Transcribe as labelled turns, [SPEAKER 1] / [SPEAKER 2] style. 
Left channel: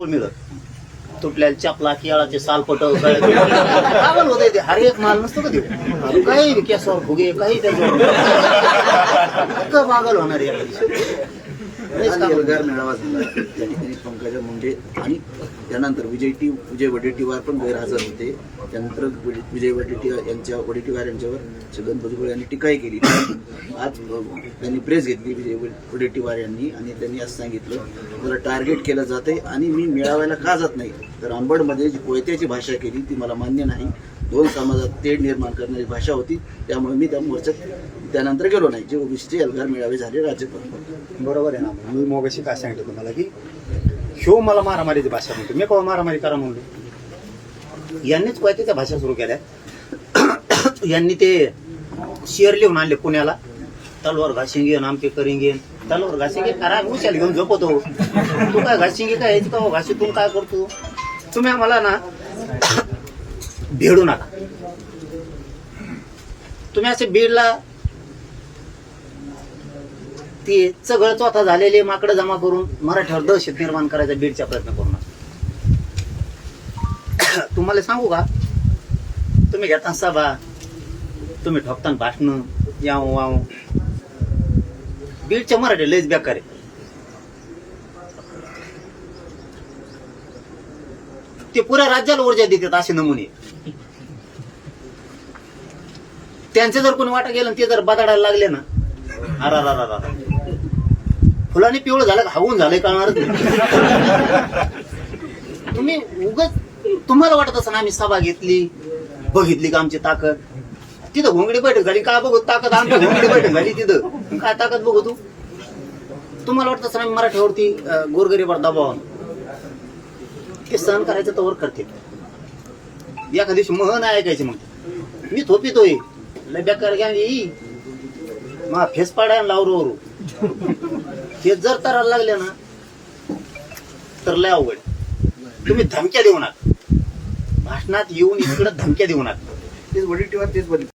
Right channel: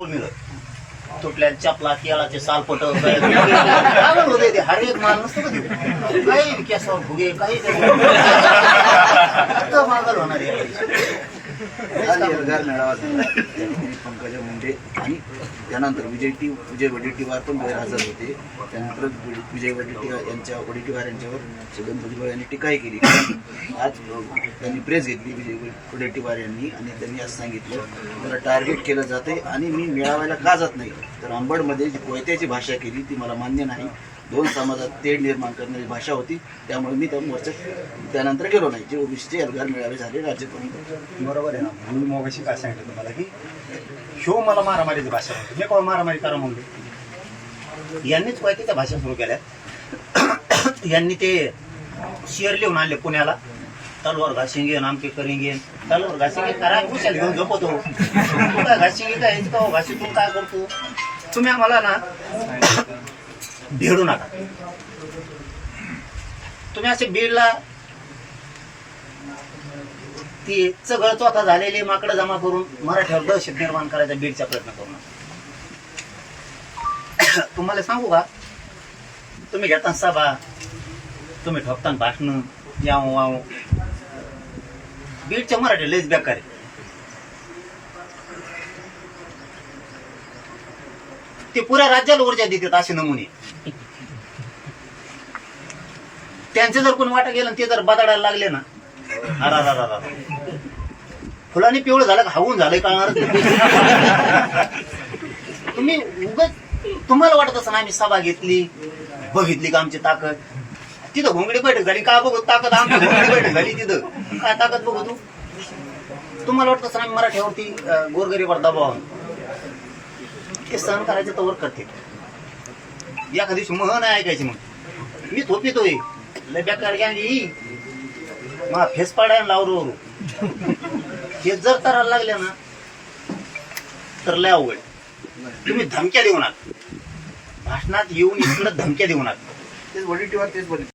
[SPEAKER 1] मिळत तुटल्या चपला केळाचे सालपट पागल होते ते. हर एक माल नसतो का काही केसावर फुगे काही त्याच्यावर. पागल होणार
[SPEAKER 2] एल्गार मेळावा झाला. त्या ठिकाणी पंकजा मुंडे आणि त्यानंतर विजय टी विजय वडेट्टीवार पण गैरहजर होते. त्यानंतर विजय- विजय वडेट्टीवार यांच्या वडेट्टीवार यांच्यावर छगन भुजबळ यांनी टीकाही केली. आज त्यांनी प्रेस घेतली विजय वडेट्टीवार यांनी आणि त्यांनी असं सांगितलं मला टार्गेट केलं जाते आणि मी मेळाव्याला का जात नाही? तर अंबडमध्ये जी कोयत्याची भाषा केली ती मला मान्य नाही. दोन समाजात तेढ निर्माण करणारी भाषा होती. त्यामुळे मी त्या मोर्चात त्यानंतर गेलो नाही. जे ओबीसीचे एल्गार मेळावे झाले राज्यभर
[SPEAKER 3] बरोबर आहे ना. मी मोगाशी काय सांगितलं तुम्हाला की शो मला मारामारीची भाषा म्हणतो. मी केव्हा मारामारी करा म्हणलो
[SPEAKER 1] यांनीच कोयत्याच्या भाषा सुरू केल्या. यांनी ते शेअर लिहून आणले पुण्याला. तलवार घासिंगे आमके करिंगे तलवार घासिंगे करा उशाल घेऊन झोपतो. तू काय घासिंगे काय? याची का घाशीतून काय करतो? तुम्ही आम्हाला ना भेडू नका. तुम्ही असे बीडला ती चगळ चोथा झालेले माकडं जमा करून मराठ्यावर दहशत निर्माण करायचा बीडचा प्रयत्न करू नका. तुम्हाला सांगू का? तुम्ही घेता सभा तुम्ही ठोकता भाषण याव वाव. बीडच्या मराठी लयच बेकार आहे ते पुऱ्या राज्याला ऊर्जा देतात असे नमुने. त्यांचे जर कोणी वाटा गेलं ते जर बदाडायला लागले ना अरा रा रा रा फुलाने पिवळं झालं का हवून झालंय कळणार तुम्ही उगत तुम्हाला वाटत असं ना आम्ही सभा घेतली बघितली का आमची ताकद? तिथं घोंगडी बैठक झाली का बघू ताकद? आमची घोंगडी बैठक झाली तिथं. काय ताकद बघू तू? तुम्हाला वाटत असं आम्ही मराठ्यावरती गोरगरीवर दबाव ते सहन करायचं तवर करते. एका दिवशी मह नाही ऐकायचे मग. मी थोपितोय. लय बेकार गॅंगी मा फेस पाडाय लावरू वरू हे जर करायला लागले ना तर लय अवघड. तुम्ही धमक्या देऊ नका. भाषणात येऊन इकडं धमक्या देऊ नका.
[SPEAKER 2] तेच वडेट्टीवार तेच